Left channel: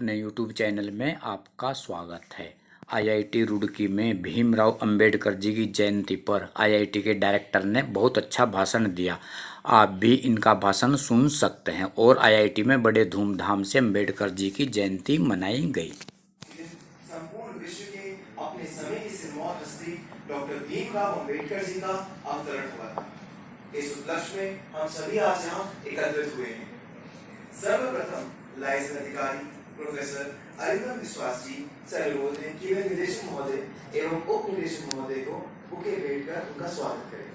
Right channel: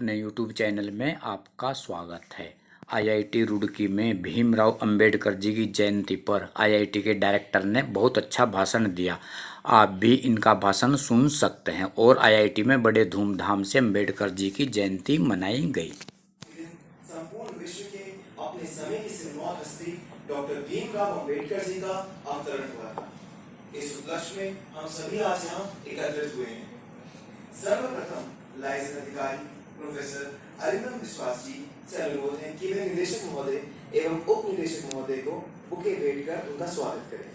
अपने YouTube channel में आपका स्वागत है। आईआईटी रुड़की में भीमराव अंबेडकर जी की जयंती पर आईआईटी के डायरेक्टर ने बहुत अच्छा भाषण दिया। आप भी इनका भाषण सुन सकते हैं। और आईआईटी में बड़े धूमधाम से अंबेडकर जी की जयंती मनाई गई। संपूर्ण विश्व के अपने समय की सिरमौर हस्ती डॉक्टर भीमराव अंबेडकर जी का अवतरण हुआ था। इस उपलक्ष्य में हम सभी आज यहाँ एकत्रित हुए हैं। सर्वप्रथम लाइसेंस अधिकारी प्रोफेसर अरिंदम विश्वास जी से अनुरोध है कि वे निदेशक महोदय एवं उप निदेशक महोदय को बुके भेंट कर उनका स्वागत करें।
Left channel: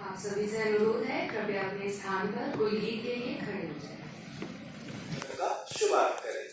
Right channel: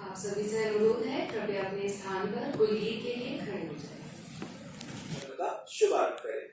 आप सभी से अनुरोध है, कृपया अपने स्थान पर कुलगीत के लिए खड़े हो जाएं। शुभारंभ करें।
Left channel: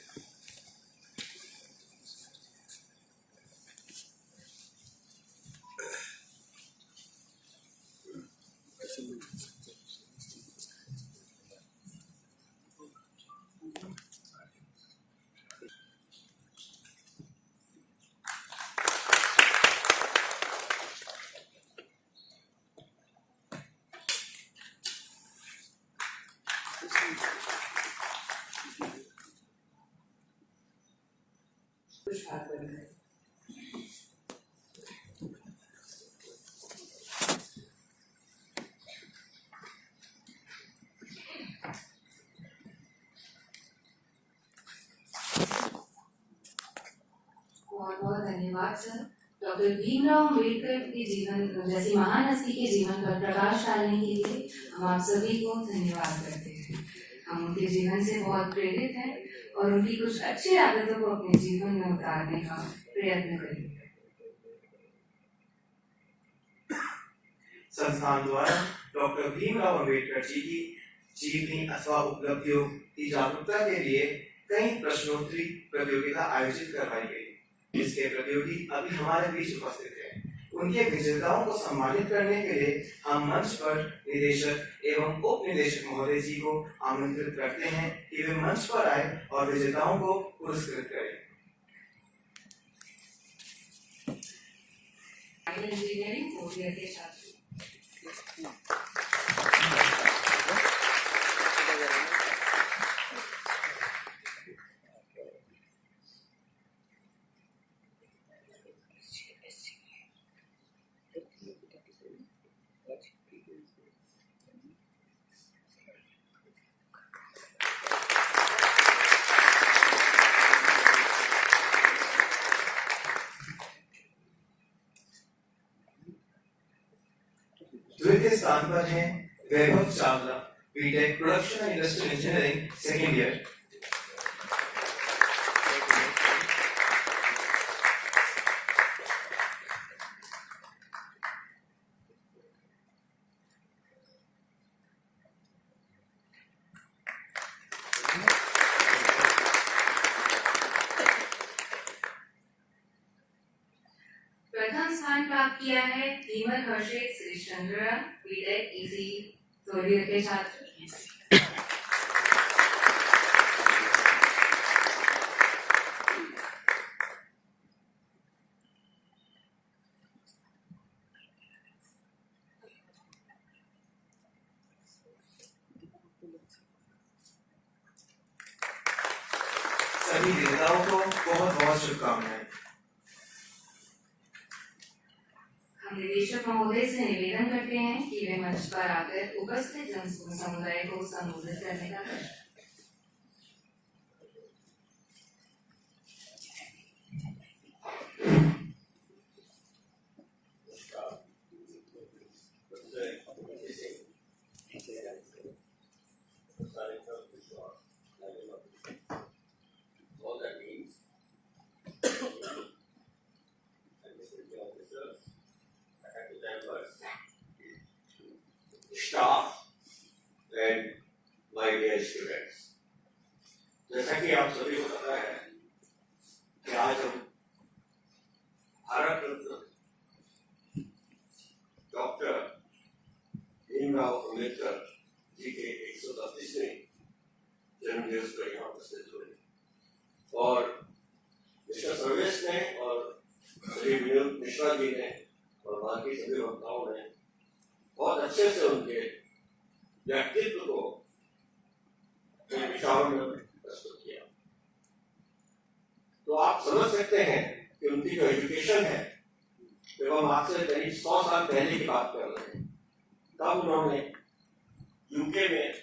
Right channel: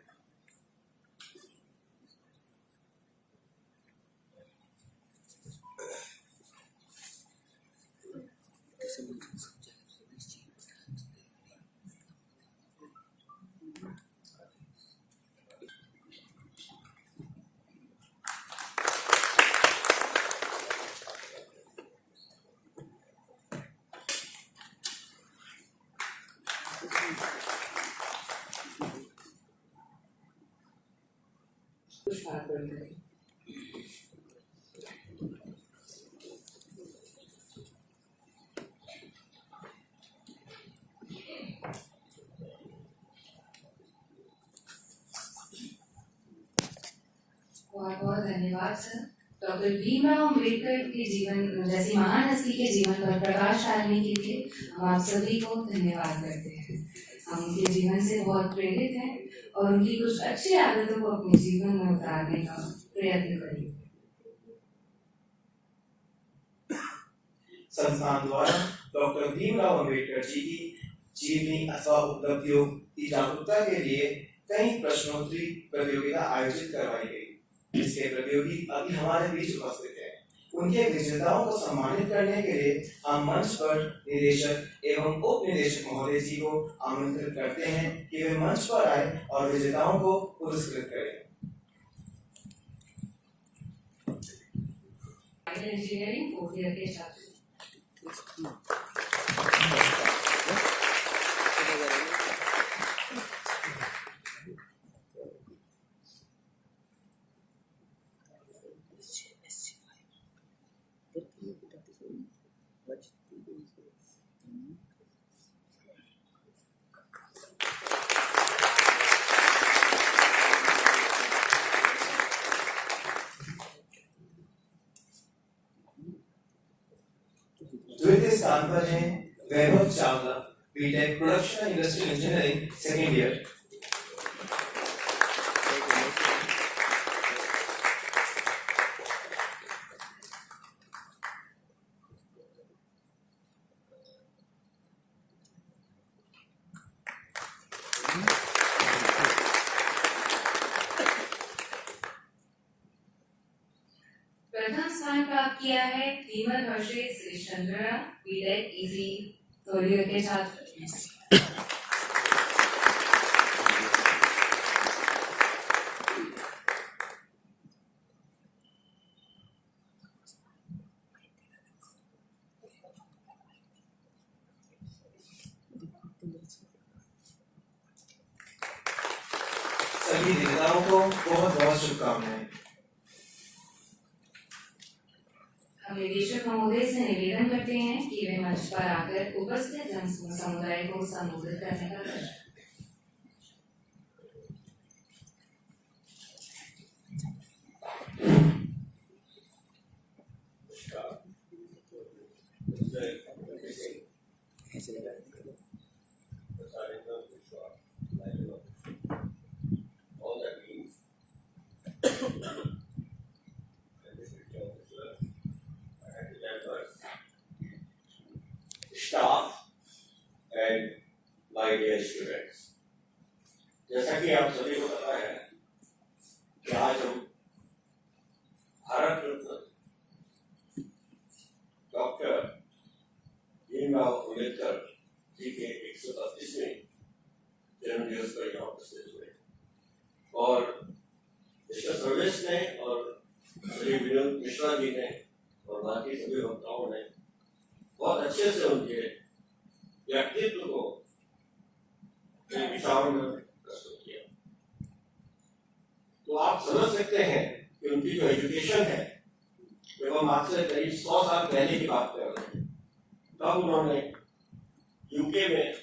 बहुत बहुत धन्यवाद सर। डॉक्टर भीमराव अंबेडकर के जीवन जैसी महान हस्ती के जीवन पर प्रकाश डालने के लिए हम आप सभी को धन्यवाद करते हैं। हम उनके जीवन से बहुत प्रेरित हैं और उनकी कुछ अच्छी आदतों को अपने जीवन में उतारने का प्रयत्न करेंगे। संस्थान द्वारा डॉक्टर भीमराव अंबेडकर जी की जीवनी अथवा उपलब्धियों की जागरूकता के लिए कई प्रश्नोत्तरी प्रतियोगिता आयोजित करवाई गई। इसके प्रतियोगी अभी हमारे बीच उपस्थित हैं। उनके विजेताओं को सम्मानित करने के लिए हम मंच पर निदेशक एवं उप निदेशक महोदय जी को आमंत्रित करते हैं कि वे मंच पर आए और विजेताओं को पुरस्कृत करें। इंजीनियरिंग फोर्थ ईयर के छात्र द्वितीय स्थान पर है Vaibhav Chawla, BTech production and industrial engineering second year. प्रथम स्थान प्राप्त किया है धीमर हर्षित श्रीचंद्र, बीटेक इजी थर्ड ईयर के छात्र। सभी विजेताओं को बहुत बहुत शुभकामनाएं। हम निदेशक महोदय से निवेदन करते हैं कि वे मंच पर आकर उपस्थित जन समुदाय को संबोधित करने का प्रयास करें। Staff and my dear students. जैसा कि आप सभी को पता है कि आज हम भारत रत्न डॉक्टर भीमराव अम्बेडकर जी के 132वें जन्म दिवस पर यहाँ उपस्थित हुए और मिस्टर सर्वेश ने और श्री विनोद मिश्रा जी ने और बाकी सभी वक्ताओं ने बहुत अच्छे से उनके व्यक्तित्व को विचारों में प्रस्तुत किया। तो आप समझ सकते हैं कि उनकी जो एजुकेशन है, जब हम आपसे करीब 100 साल पहले की बात कर रहे हैं, तब उन्होंने यूके में,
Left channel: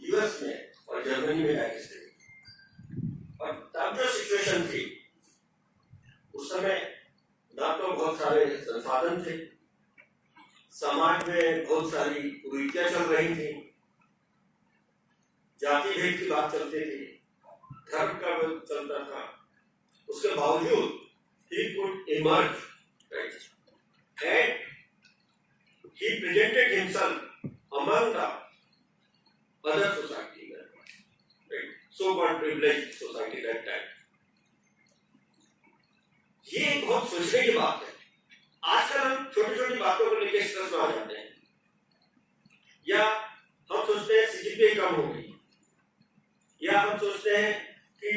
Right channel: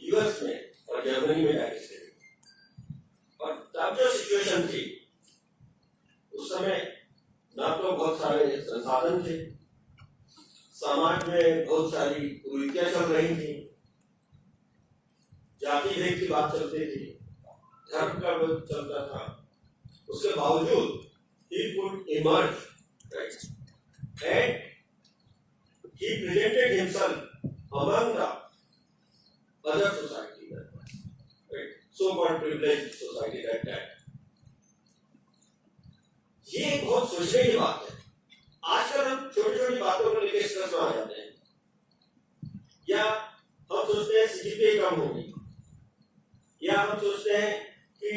यूएस में और जर्मनी में जाके स्टडी। और तब जो सिचुएशन थी, उस समय ना तो बहुत सारे संसाधन थे, समाज में बहुत सारी कुरीतियां चल रही थी, जाति भेद की बात चलती थी, धर्म का विरोध चलता था। उसके बावजूद he could emerge, right? And he presented himself among the other society, right? So-called privileged society that time. ये बहुत सोचने की बात है। आजकल हम छोटी छोटी बातों को लेकर स्ट्रेस में आ जाते हैं, या हम सोचते हैं सीजीपीए कम हो गई, या हम सोचते हैं कि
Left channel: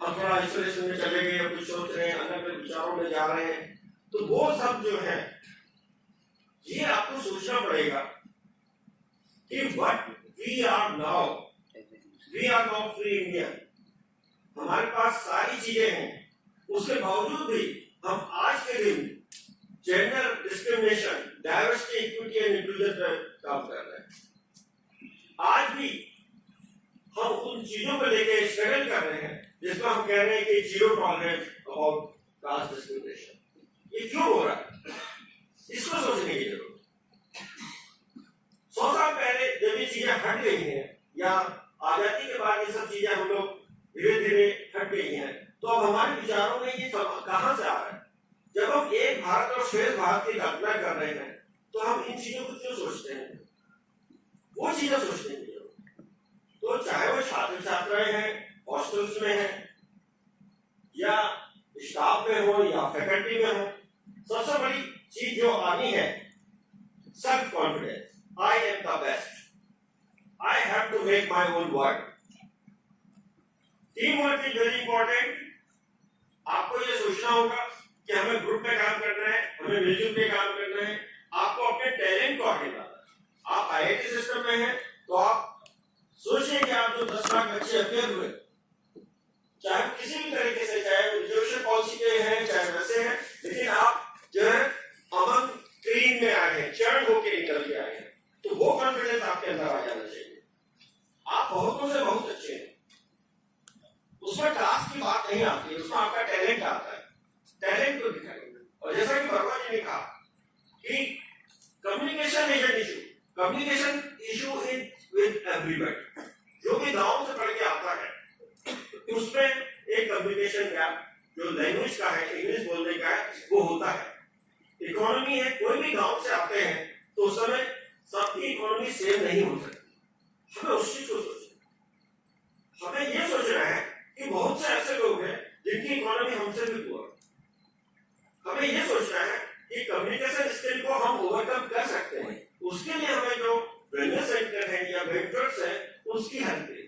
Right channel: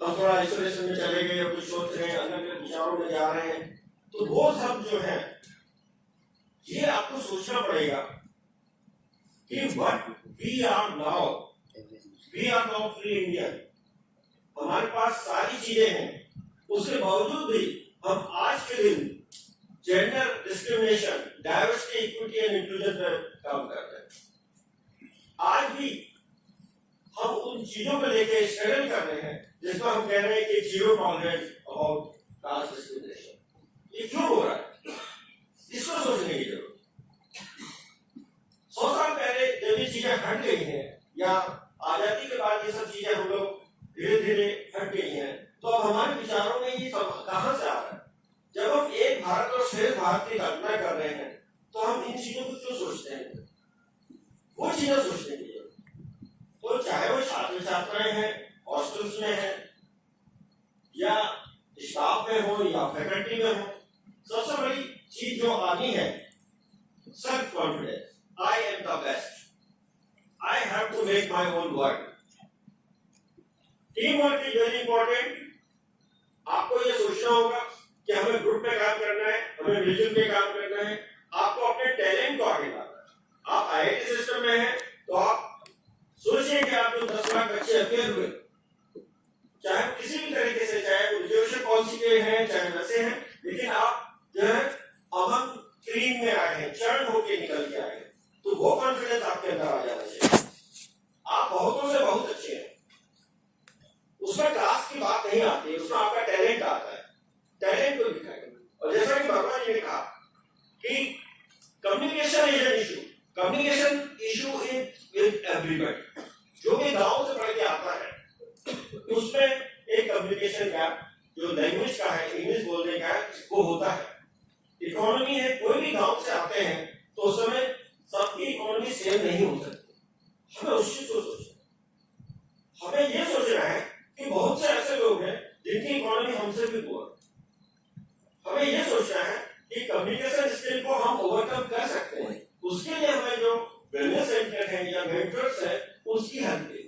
हम थोड़ा आइसोलेशन में चले गए, या कुछ सोच रहे हैं, अलग अलग विचारों में जा रहे हैं। तो वो सब जो है, ये आपको सोचना पड़ेगा कि what we are now free Indian. हमारे पास सारी चीजें हैं, उसके बावजूद भी हम आज के दिन gender discrimination, diversity, equity and inclusion पर काम कर रहे हैं। आज भी हम उन चीजों को लेकर स्ट्रगल कर रहे हैं जिसमें हम कह रहे हैं कि zero tolerance about caste discrimination. ये क्यों हो रहा है, इसको सोचने की जरूरत। 100 साल पहले जब ये चीजें हट गई हैं, या आजादी के बाद ये सब चीजें हम लोग धीरे धीरे हट गई हैं, तो अब हमारे विचारों में ये कहां से आ रहा है? जब हम एक भारत और श्रेष्ठ भारत की कल्पना कर रहे हैं, तो हम इन चीजों को क्यों सोचते हैं? वो चीजें सोचने की जरूरत। तो चाहे वो छात्र छात्राएं हैं, हॉस्टल्स में हैं, या स्टाफ में हो, या फैकल्टी में हो, सबसे बड़ी चीज जो आनी है, self confidence. I am the best, I have to make my own word. Team work is very important. आपको ये सोचना होगा कि हमें ग्रुप में काम करना है, हमें मिलजुल के काम करना है। आपको अपने टैलेंट को आगे लाना है। आप आईआईटी सिस्टम में हैं, तो आप सोचिए कि आप जो 10 लाख बच्चे अपेयर हुए, चाहे किसी भी तरीके से, चाहे वो रिजर्वेशन पॉलिसी के हैं, चाहे वैसे हैं, लेकिन आप जो है अमन क्लीन में आए हैं, चरण होके निकल के आए हैं, तो वो कॉन्फिडेंस आपके अंदर आ जाना चाहिए। आप बहुतों से बहुत अच्छे हैं, उसमें कास्ट की बात नहीं आती, उसमें आपका टैलेंट आता है। टैलेंट को दिखाइए। और जैसा कि वर्मा जी ने कहा कि communication is an issue, communication issue is with everybody. जो भी गांव से पढ़ के आता है, उसमें एक कम्युनिकेशन गैप जो लैंग्वेज का है, इंग्लिश बोलने का है, वो होता है। इकोनॉमी है, कोई भी गांव से आते हैं तो उस समय सबकी इकोनॉमी सेम नहीं हो सकती। हमें उस चीज को सोचना, हमें ये सोचना है कि बहुत से ऐसे लोग हैं जिनकी इकोनॉमी हमसे भी पुअर। हमें ये सोचना है कि कम्युनिकेशन स्किल को हम ओवरकम कर सकते हैं। उसके लिए हमें जो वेलनेस सेंटर है या मेंटर्स है, उसकी हेल्प लेनी।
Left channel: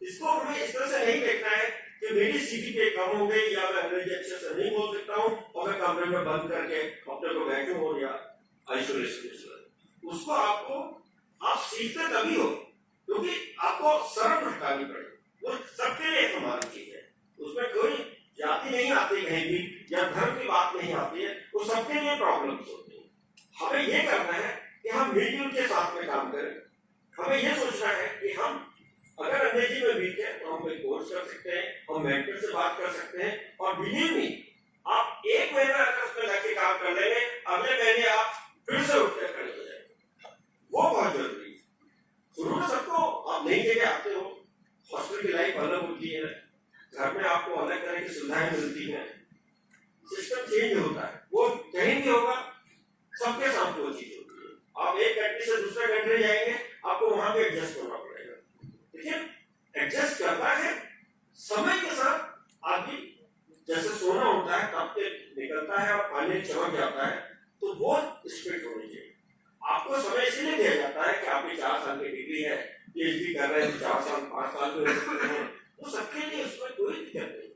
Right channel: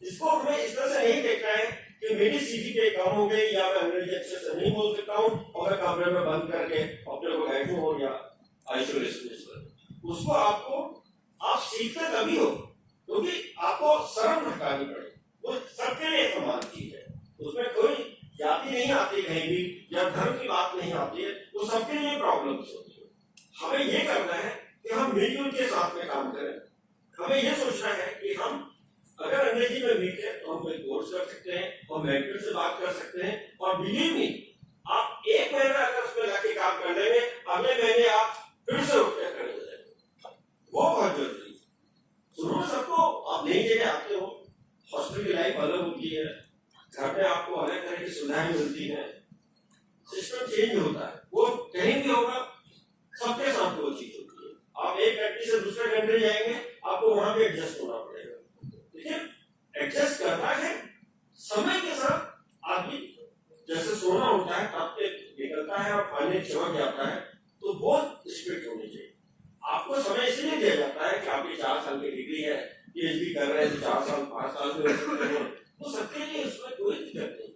इसको हमें इस तरह से नहीं देखना है कि मेरी सीजीपीए कम हो गई, या मैं अंग्रेजी अच्छे से नहीं बोल सकता हूँ और मैं कमरे में बंद करके अपने को बैठूं हो या आइसोलेशन में। उसको आप सीखते तभी हो, क्योंकि आपको शर्म हटानी पड़ेगी। वो सबके लिए समान चीज है, उसमें कोई जाति नहीं आती कहीं भी, या धर्म की बात नहीं आती है, वो सबके लिए प्रॉब्लम्स होती है। हमें ये करना है कि हम मिलजुल के साथ में काम करें। हमें ये सोचना है कि हम अगर अंग्रेजी में वीक है तो हम कोई कोर्स कर सकते हैं, हम मेंटर से बात कर सकते हैं, और बिलीव मी, आप एक महीना अगर उसमें लगे काम कर लेंगे, अगले महीने आप फिर से उठकर खड़े हो जाएंगे। वो बहुत जरूरी है। शुरू में सबको आप नई जगह आते हो, हॉस्पिटल की लाइफ अलग होती है, घर में आपको अलग तरह की सुविधाएं मिलती हैं, सिस्टम चेंज होता है, वो कहीं भी होगा, सबके साथ वो चीज होती है। आप एक कंट्री से दूसरे कंट्री जाएंगे, आपको वहां भी एडजस्ट होना पड़ेगा। लेकिन एडजस्ट करना है पानी चमक जाता है तो वो स्पिरिट होनी चाहिए। आपको समय इसलिए दिया जाता है कि आपकी 4 साल की डिग्री है, PhD कर रहे हैं, 4 साल 5 साल में रह सकते हैं, वो सबके लिए उसमें कोई दिक्कत नहीं।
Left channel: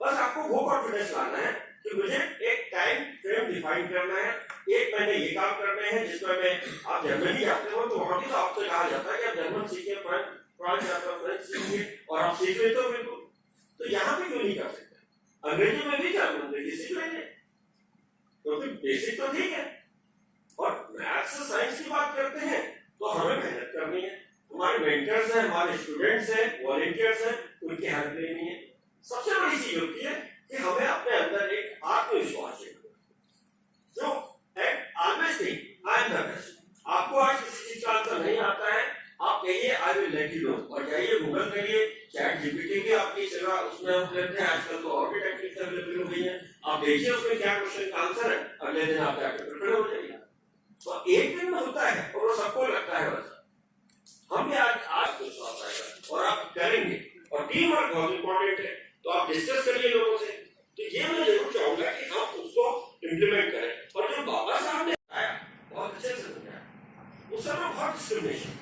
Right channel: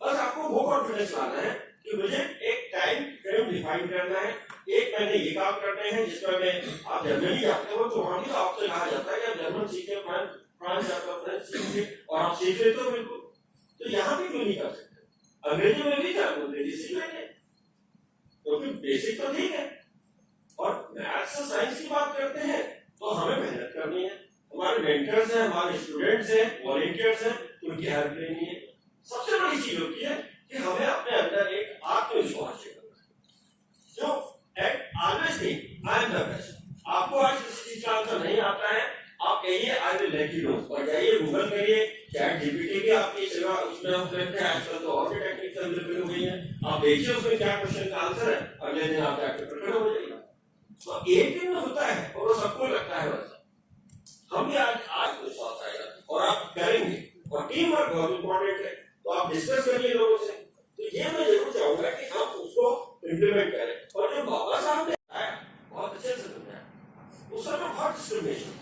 बस आपको वो कॉन्फिडेंस लाना है कि मुझे एक टाइम फ्रेम डिफाइन करना है, 1 महीने ये काम करने हैं जिसमें मैं, आप जर्मनी जाते हो तो वहां भी तो आपसे कहा जाता है कि आप जर्मन सीखे, फ्रांस जाते हो फ्रेंच सीखेंगे और आप सीख लेते हो बिल्कुल, तो यहाँ भी क्यों नहीं कर सकते? अंग्रेजी में भी अंग्रेजी सीख लेंगे क्योंकि बेसिक तो ठीक है। और मैथ्स से साइंस की बात करते हैं तो हमें मेहनत करनी है, हमारे मेंटर्स हैं, हमारे स्टूडेंट्स हैं, वॉलंटियर्स हैं, उनकी हेल्प लेनी है। सबसे बड़ी चीज होती है कि हमें अपने अंदर एक आत्मविश्वास चाहिए जो always think I am the best. आपको आज किसी चीज का आंसर नहीं आता है, आप कहिए I will let you know, और जाइए गूगल करिए, चैट जीपीटी भी आपकी सेवा उसमें हम करते हैं। आजकल तो और भी टेक्निकल डेवलपमेंट हो गई है, आप देखिए उसमें क्या क्वेश्चन का आंसर है, अगले दिन आप जाके प्रिपेयर हो जाइएगा। तो एक दिन में होता है और वो सबको लगता है वैसा। हम भी आज विश्वास आएगा और आप करेंगे, और टीम वर्क बहुत इंपॉर्टेंट है, तो आप डिस्कस करिए लोगों से। तो ये मैं जरूर चाहूंगा कि हम उसको इम्प्लीमेंट करें। और जो बाबा साहब ने आया बहुत अच्छे से समझाया, उस समय बहुत डिस्क्रिमिनेशन,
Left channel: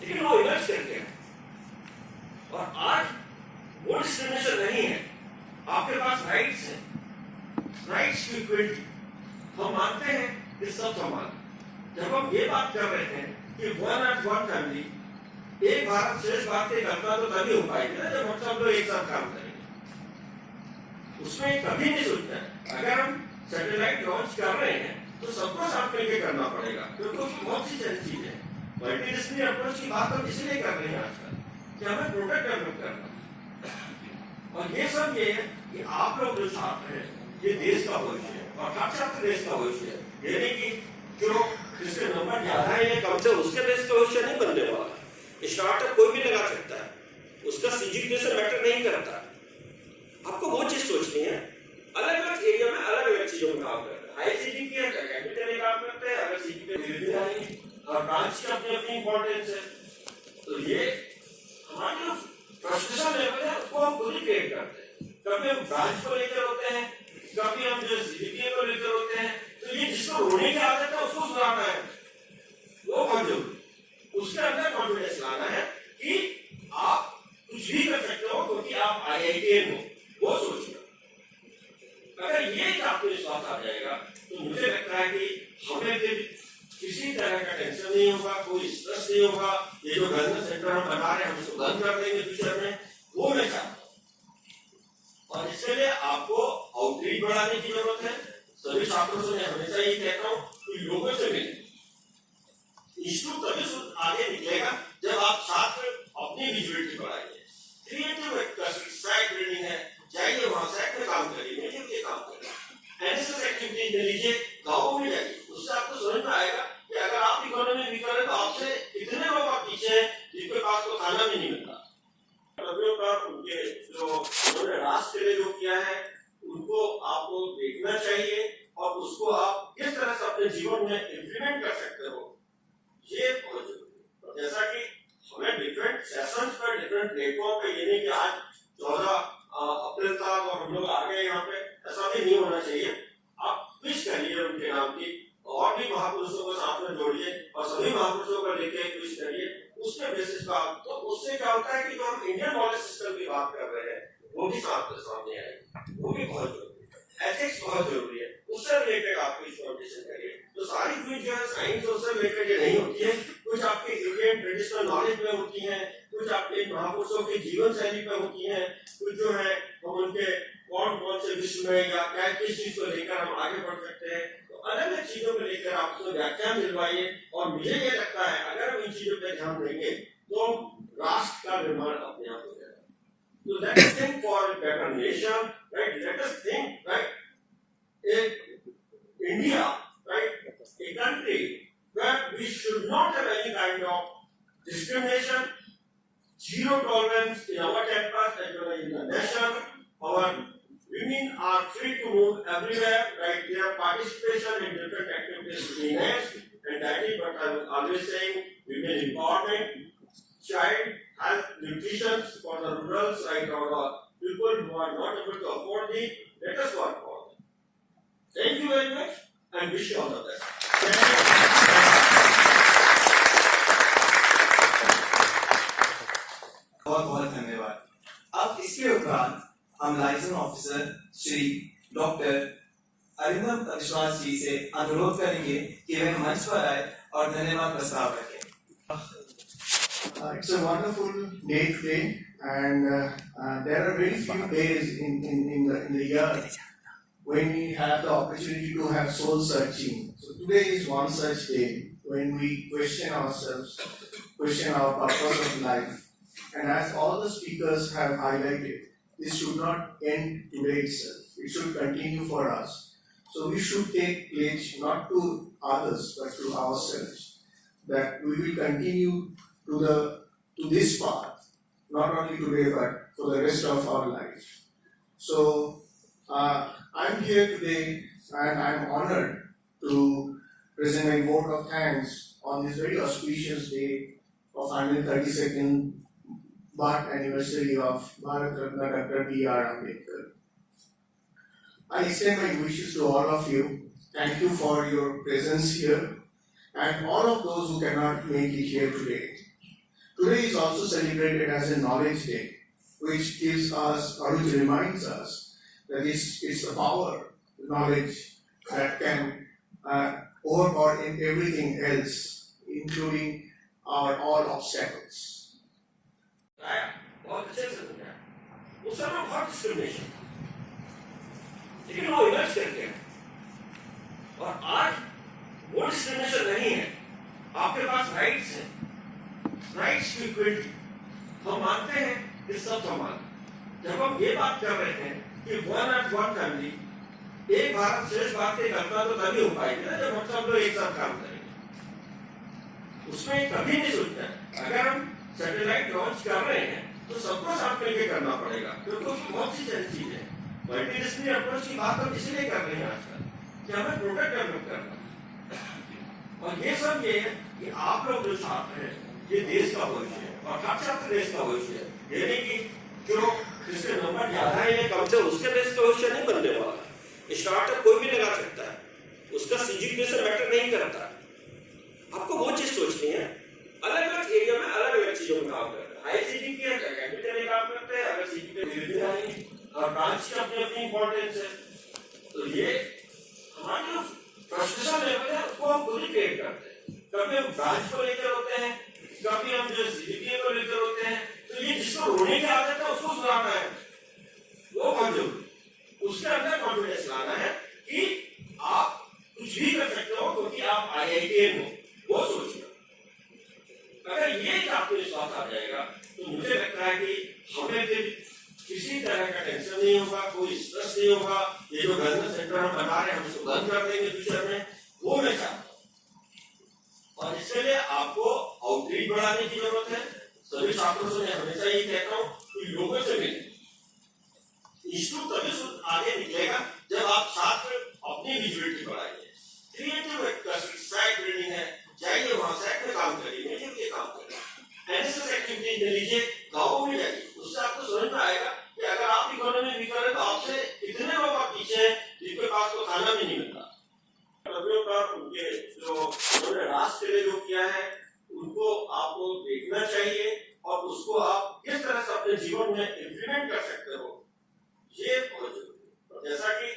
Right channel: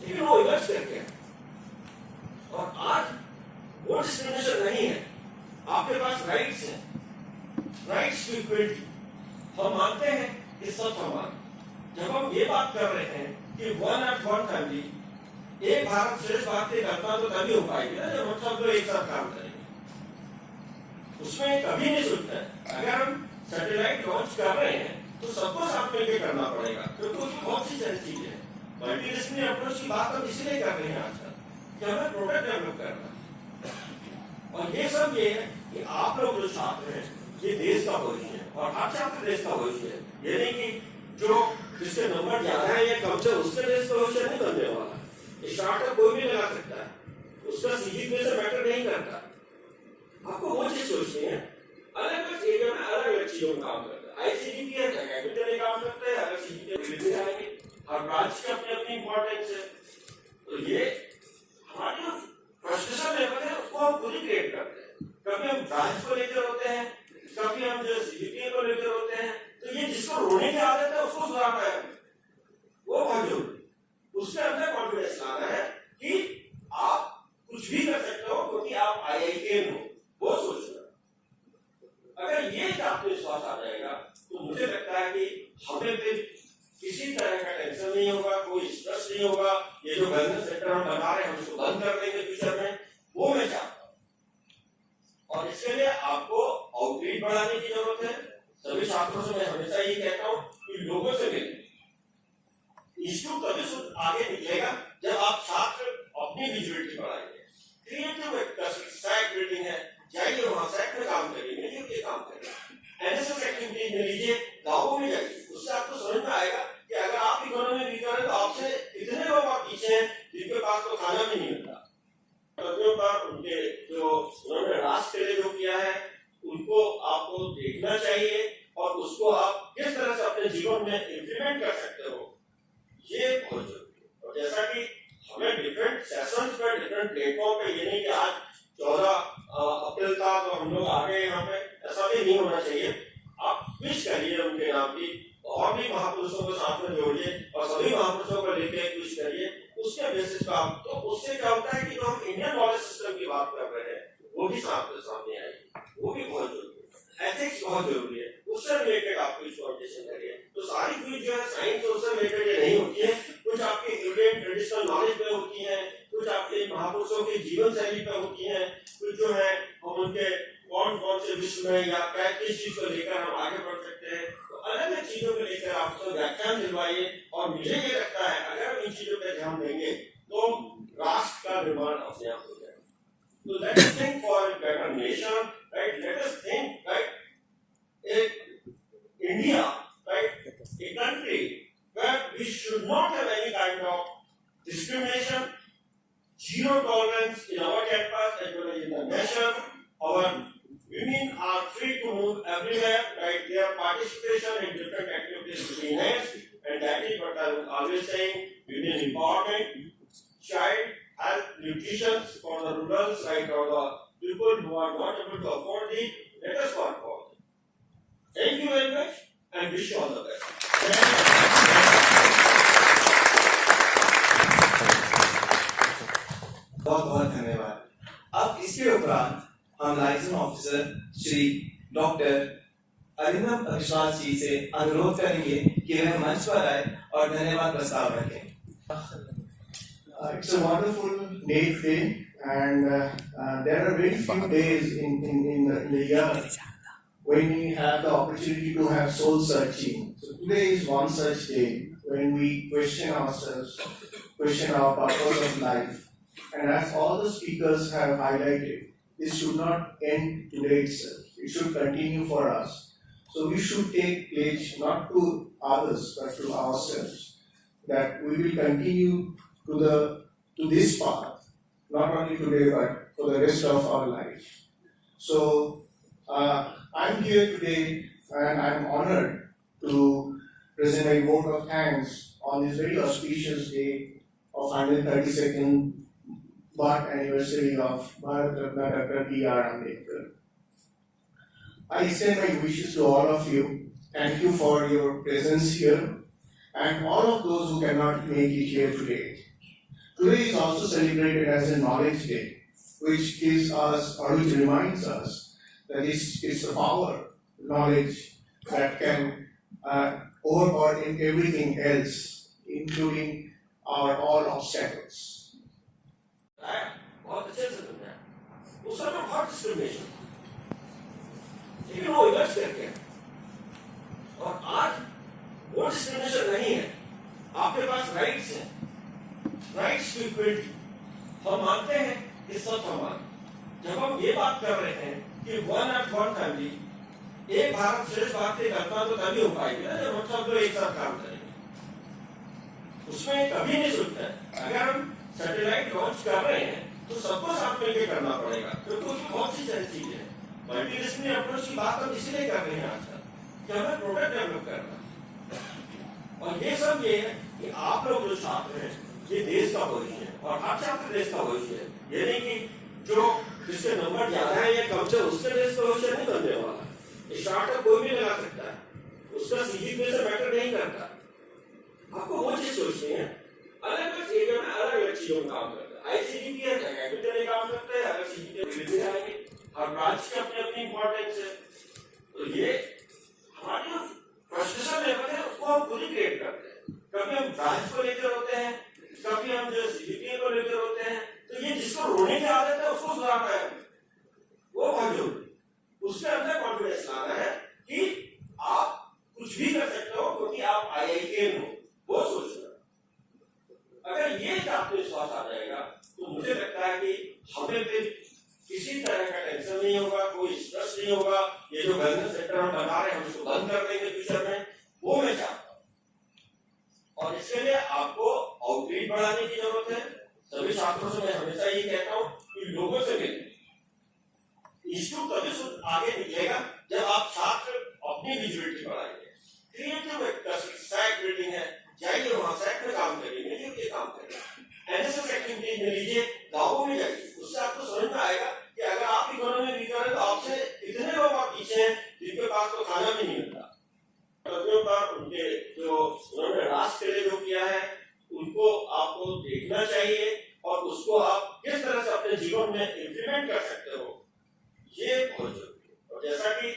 लेकिन वो इमर्ज करते हैं और आज वो डिस्क्रिमिनेशन नहीं है। आपके पास राइट्स हैं, राइट्स की इक्वलिटी हम मानते हैं कि सब समान। जब हम ये बात कर रहे हैं कि वन एट वन फैमिली, एक भारत श्रेष्ठ भारत की कल्पना तो तभी हो पाएगी ना जब हम सब लोग एक साथ काम करेंगे। उसमें कभी नहीं सोचता है अगर हम सैटेलाइट लॉन्च कर रहे हैं तो सबको साथ मिलकर करना पड़ेगा, क्योंकि उसमें बहुत सी सारी चीजें हैं। मल्टीडिसिप्लिनरी अप्रोच की बात हम इसलिए कर रहे हैं आजकल कि हमें प्रोडक्ट डेवलप करना, और ये सब ये है कि आप लोग जो छात्र हैं ये देश का भविष्य है, और हर छात्र देश का भविष्य है। ये नहीं कि जो जिसके नंबर ज्यादा है या कम से उसके देश का भविष्य नहीं बनने वाला। स्टार्टअप कोई भी लगा सकता है, उसका सीजीपीए से मैटर नहीं करता। आपको वो चीज सोचनी है, अलग अलग एरिया में अलग अलग चीजों में काम करता है। आईसीटी के कैपिटल में काम करते हैं, अगर सीजीपीए भी जाएंगे, और ब्रांच की अपनी अपनी इंपॉर्टेंस है। तो ये हमारी जो फ्रस्ट्रेशन लेवल है उसको हम खुद ही क्रिएट करते हैं। कभी हम ब्रांच को लेकर होते हैं, कभी हम जो सीजीपीए को लेकर होते हैं। तो ये जिसको रोने की आदत है उसको सुधारना है, वो बहुत जरूरी। उसके अंदर कॉन्फिडेंस लाना है कि आप कुछ भी कर सकते हो क्योंकि आप आईआईटीएन हो, वो सोचना। अगर ये आत्मविश्वास आ जाएगा तो मुझे लगता है कि हमें फिर किसी तरह का टेंशन नहीं होगा, कोई स्ट्रेस नहीं होगा। ये जो बिजनेस सेंटर हम बना रहे हैं हम उसको बंद कर देंगे फ्यूचर में, वो मैं चाहता हूँ। और इसके लिए आपको आउटरीच बढ़ाने की जरूरत है। सभी छात्रों से मैं हमेशा ये कहता हूँ कि लोगों से मिले। इंस्टीट्यूट तभी आगे निकलेगा जब आप छात्र अपनी विजिबिलिटी बढ़ाएंगे। क्रिएटिव साइट बिल्डिंग है, जाइए वहां साइट में काम करिए, मिलकर के काम करिए। एनएसएस एक्टिविटीज में लीजिए, गाँवों में जाइए, उससे आपको समझ में आएगा कि अगर आप इकोनॉमी वीकर है तो आपसे कितने लोग आप पीछे हैं जिनके पास तो खाना भी नहीं मिलता। उनके जो उन्होंने राष्ट्र के लिए जो किया है उनको आपको देखना चाहिए और उसको आप किस तरह से अपने जीवन में इम्प्लीमेंट कर सकते हो, ये बहुत जरूरी है। और जैसा कि हमें डिफरेंट सेशंस पर डिफरेंट प्लेटफॉर्म पे, ये नहीं कि आज 14 अप्रैल था तो हम लोग आ गए यहाँ पे, ऐसा भी नहीं होना चाहिए। आप विश करिए उनके नाम की, और भी महापुरुषों को साथ में जोड़िए और सभी महापुरुषों को लेकर विश करिए उसके बेसिस पर। तो उससे क्या होता है कि जो हम इंडियन नॉलेज सिस्टम की बात कर रहे हैं वो भी सामने आएगी, वो भी बहुत जरूरी है। एथिक्स बहुत जरूरी है, उससे रिलेटेड आप कुछ कॉम्पिटिशन करिए। तो सारी चीज जो है साइंस उससे रिलेटेड ये नहीं होती है, कुछ आपके इंडियन ट्रेडिशनल नॉलेज में होती है, कुछ आपके महापुरुषों की जीवन शैली पे होती है, कुछ जो है हम उनके कौन कौन से विश्व में या क्या किस चीज को लेकर हम आगे बढ़ सकते हैं। तो अलग अलग चीजों को लेकर आपको व्याख्यान दिलवाइए। और मुझे ये लगता है अगर हम इन चीजों पर ध्यान देंगे तो राष्ट्र का निर्माण अपने आप हो जाएगा। तो let us think for a better nation, right? Let us think right India, right, a country where we should not have any kind of discrimination, zero tolerance in our campus as well as in the nation. Our women are free to move everywhere, right? Their participation in different activities is enhanced, and that is what I was always saying: women empowerment, child health, nutrition for the rural side or the people who are not able to afford it. Let us work for it. Thank you very much and wish you all the best. बहुत बहुत धन्यवाद। अब इसके उपरांत हम liaison officer Shri doctor Arindam विश्वास जी से अनुरोध करेंगे कि वे मंच पर आए और धन्यवाद प्रस्ताव रखें। It's a wonderful day today, and there are very few days in the year when we have the opportunity to have soul searching. So today is one such day when we question ourselves, question our purpose of life. And as all the speakers have highlighted, this should not end today itself. It should continue for us. So we should take pledge not to others but to ourselves that we will continue to this path, not only today but for the rest of our life. So I'm here today and I'm honored to present my vote of thanks on this very auspicious day of 132nd birth anniversary of Bharat Ratna Dr. B.R. Ambedkar. I extend my wishes to all of you. Thank you for your presence here and all of those who cannot make it here today. Today is also celebrated as a Knowledge Day, which gives us or which reminds us that it's the power, knowledge that can overpower in everything else, including our all obstacles. बहुत अच्छे से समझा। उस समय बहुत discrimination, लेकिन वो इलाज करके और आज वो डिस्क्रिमिनेशन नहीं है। आपके पास राइट्स हैं, राइट्स की इक्वलिटी हम मानते हैं कि सब समान। जब हम ये बात कर रहे हैं कि वन एट वन फैमिली, एक भारत श्रेष्ठ भारत की कल्पना तो तभी हो पाएगी ना जब हम सब लोग एक साथ काम करेंगे। उसमें कभी नहीं सोचता है अगर हम सैटेलाइट लॉन्च कर रहे हैं तो सबको साथ मिलकर करना पड़ेगा, क्योंकि उसमें बहुत सी सारी चीजें हैं। मल्टीडिसिप्लिनरी अप्रोच की बात हम इसलिए कर रहे हैं आजकल कि हमें प्रोडक्ट डेवलप करना, और ये सब ये है कि आप लोग जो छात्र हैं ये देश का भविष्य है और हर छात्र देश का भविष्य है। ये नहीं कि जो जिसके नंबर ज्यादा है या कम से उसके देश का भविष्य नहीं बनने वाला। स्टार्टअप कोई भी लगा सकता है, उसका सीजीपीए से मैटर नहीं करता। आपको वो चीज सोचनी है, अलग अलग एरिया में अलग अलग चीजों में काम करता है। आईसीटी के कैपिटल में काम करता है, अगर सीजीपीए जाएंगे और ब्रांच की अपनी अपनी इंपॉर्टेंस है। तो ये हमारी जो फ्रस्ट्रेशन लेवल है उसको हम खुद ही क्रिएट करते हैं। कभी हम ब्रांच को लेकर होते हैं, कभी हम जो सीजीपीए को लेकर होते हैं। तो ये जिसको रोने की आदत है उसको सुधारना है, वो बहुत जरूरी। उसके अंदर कॉन्फिडेंस लाना है कि आप कुछ भी कर सकते हो क्योंकि आप आईआईटीएन हो, वो सोचना। अगर ये आत्मविश्वास आ जाएगा तो मुझे लगता है कि हमें फिर किसी तरह का टेंशन नहीं होगा, कोई स्ट्रेस नहीं होगा। ये जो वेलनेस सेंटर हम बना रहे हैं हम इसको बंद कर देंगे फ्यूचर में, वो मैं चाहता हूँ। और इसके लिए आपको आउटरीच बढ़ाने की जरूरत है। सभी छात्रों से मैं हमेशा ये कहता हूँ कि लोगों से मिले। इंस्टीट्यूट तभी आगे निकलेगा जब आप छात्र अपनी विजिबिलिटी बढ़ाएंगे। क्रिएटिव साइट बिल्डिंग है, जाइए वहां साइट में काम करिए, मिलकर काम करिए। एनएसएस एक्टिविटीज में लीजिए, गाँवों में जाइए, उससे आपको समझ में आएगा कि अगर आप इकोनॉमी वीकर है तो आपसे कितने लोग आप पीछे हैं जिनके पास को खाना भी नहीं मिलता। पर उनके जो उन्होंने राष्ट्र के लिए जो किया है उनको आपको देखना चाहिए और उसको आप किस तरह से अपने जीवन में इम्प्लीमेंट कर सकते हो, ये बहुत जरूरी है। और जैसा कि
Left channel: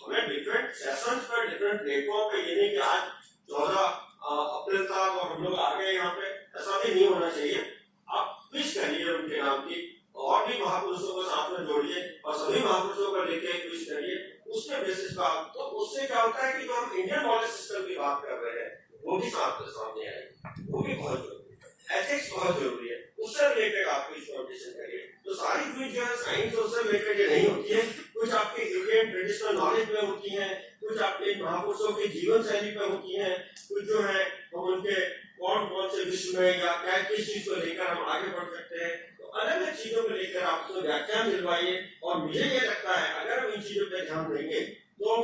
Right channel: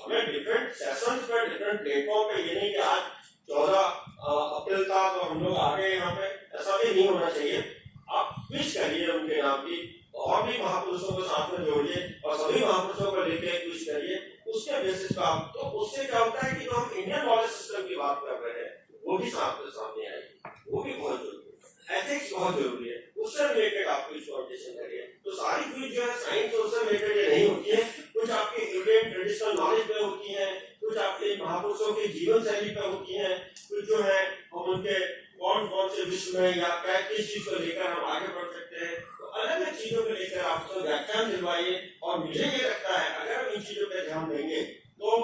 हमें डिफरेंट सेशंस पे डिफरेंट प्लेटफॉर्म पे, ये नहीं कि आज 14 अप्रैल था तो हम लोग आ गए यहाँ पे, ऐसा भी नहीं होना चाहिए। आप विश करिए उनके नाम की, और भी महापुरुषों को साथ में जोड़िए और सभी महापुरुषों को लेके विश करिए। उसके बेसिस का तो उससे क्या होता है कि जो हम इंडियन नॉलेज सिस्टम की बात कर रहे हैं वो भी सामने आएगी, वो भी बहुत जरूरी है। एथिक्स बहुत जरूरी है, उससे रिलेटेड आप कुछ फाउंडेशन करिए। तो सारी चीज जो है साइंस उससे रिलेटेड ये नहीं होती है, कुछ आपके इंडियन ट्रेडिशनल नॉलेज में होती है, कुछ आपके महापुरुषों की जीवन शैली पे होती है, कुछ जो है हम उनके कौन से विश्व में या क्या किस चीज को लेकर हम आगे बढ़ सकते हैं। तो अलग अलग चीजों को लेकर आपको व्याख्यान दिलवाइए। और मुझे ये लगता है अगर हम इन चीजों पर ध्यान देंगे तो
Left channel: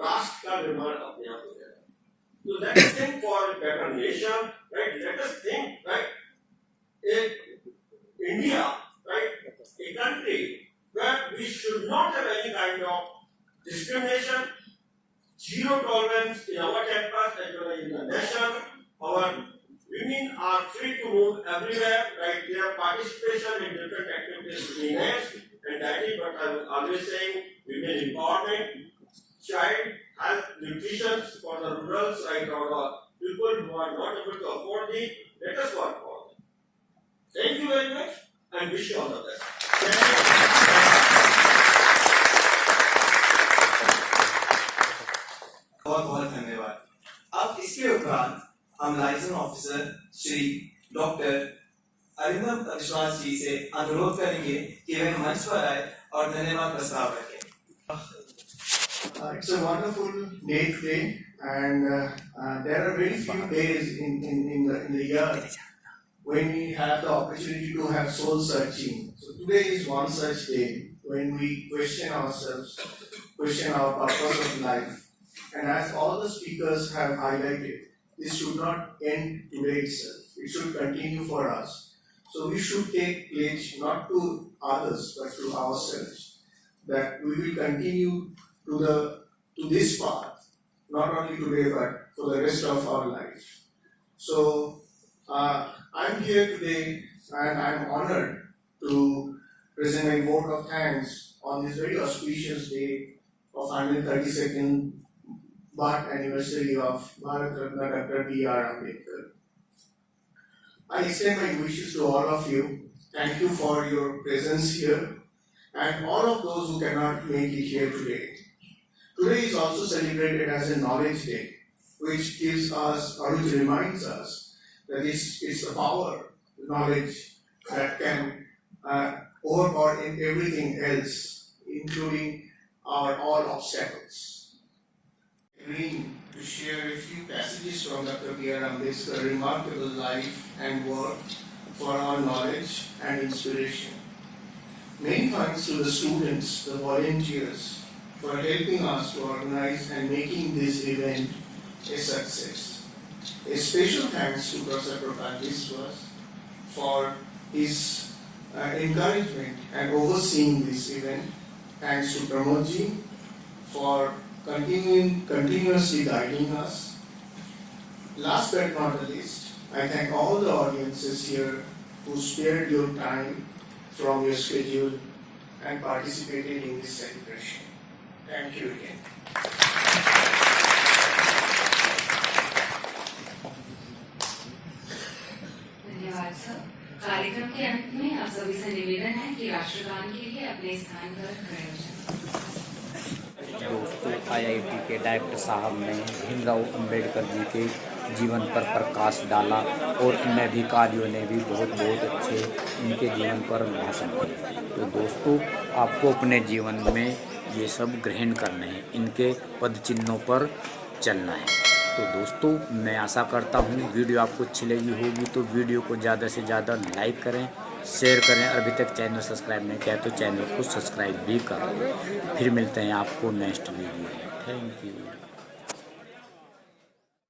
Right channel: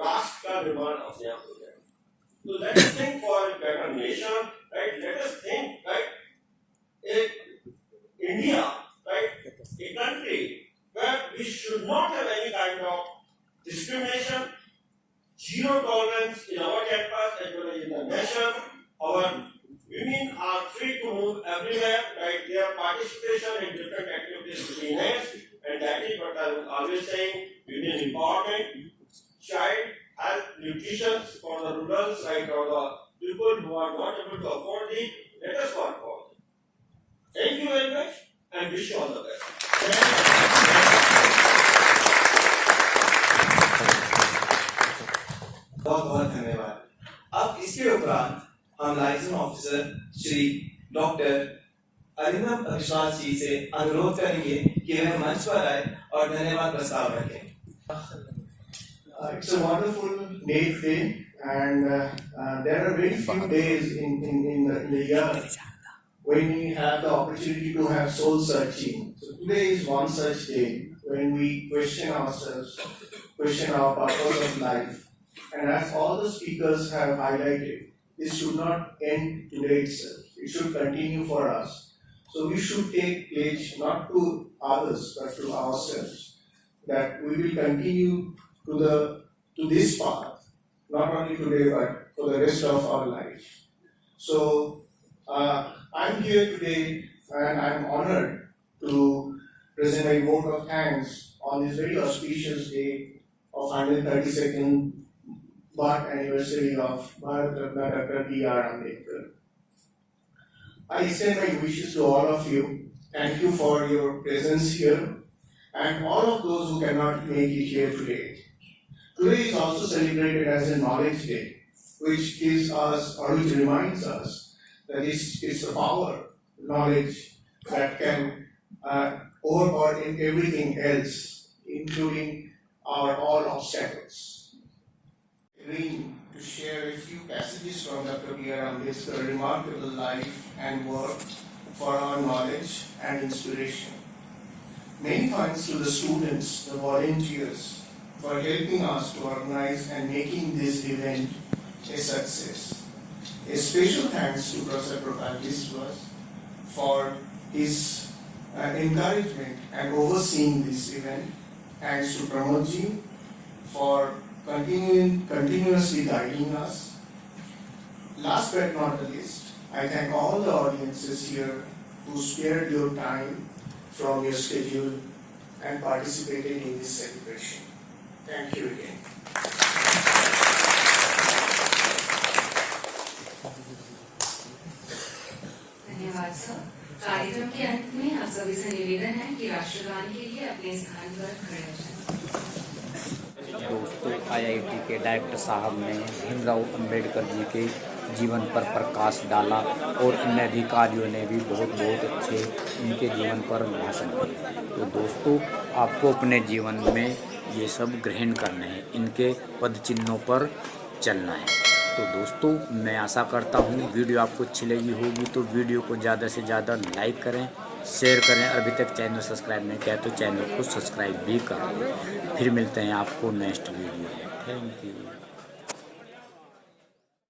राष्ट्र का निर्माण अपने आप हो जाएगा। तो let us think for a better nation, right? Let us think, right, India, right, a country where we should not have any kind of discrimination, zero tolerance in our campus as well as in the nation. Our women are free to move everywhere, right? Their participation in different activities is enhanced, and that is what I was always saying: women empowerment, child health, nutrition for the rural side or the people who are not able to afford it. Let us work for it. Thank you very much, and wish you all the best. बहुत बहुत धन्यवाद। अब इसके उपरांत हम liaison officer Shri doctor Arindam अविश्वास जी से अनुरोध करेंगे कि वे मंच पर आए और धन्यवाद प्रस्ताव रखें। It's a wonderful day today, and there are very few days in the year when we have the opportunity to have soul searching. So today is one such day when we question ourselves, question our purpose of life. And as all the speakers have highlighted, this should not end today itself. It should continue for us. So we should take pledge not to others but to ourselves that we will continue to this path, not only today but for the rest of our life. So I'm here today and I'm honored to present my vote of thanks on this very auspicious day of 132nd birth anniversary of Bharat Ratna Dr. B.R. Ambedkar. I extend my wishes to all of you. Thank you for your presence here and all of those who cannot make it here today. Today is also celebrated as a Knowledge Day, which gives us or which reminds us that it's the power, knowledge that can overpower in everything else, including our all obstacles. Agreeing to share a few passages from Dr. B.R. Ambedkar's remarkable life and work for our knowledge and inspiration. Many thanks to the students, the volunteers, for helping us to organize and making this event a success. A special thanks to Professor Prakash Biswas for his encouragement and overseeing this event. Thanks to Pramodji for continuously guiding us. Last but not the least, I thank all the audiences here who spared your time from your schedule and participated in this celebration. Thank you again. धन्यवाद sir. कार्यक्रम के अंत में आप सभी से निवेदन है कि राष्ट्रगान के लिए अपने स्थान पर खड़े हो जाएं। दोस्तों, आईआईटी के डायरेक्टर साहब ने भीमराव अंबेडकर जी के जीवन पर प्रकाश डाला और अन्य अधिकारियों ने भी बहुत अच्छे इनके जीवन पर भाषण दिए। तो दोस्तों, आपको अपने जीवन में ये सब ग्रहण करने हैं, इनके पद चिन्हों पर चलना है। तो दोस्तों, मैं आशा करता हूँ वीडियो आपको अच्छी लगी होगी, तो वीडियो को ज़्यादा से ज़्यादा लाइक करें, शेयर करें। अभी तक चैनल सब्सक्राइब नहीं किया तो चैनल को सब्सक्राइब भी कर लें। फिर मिलते हैं आपको नेक्स्ट वीडियो में। Thank you.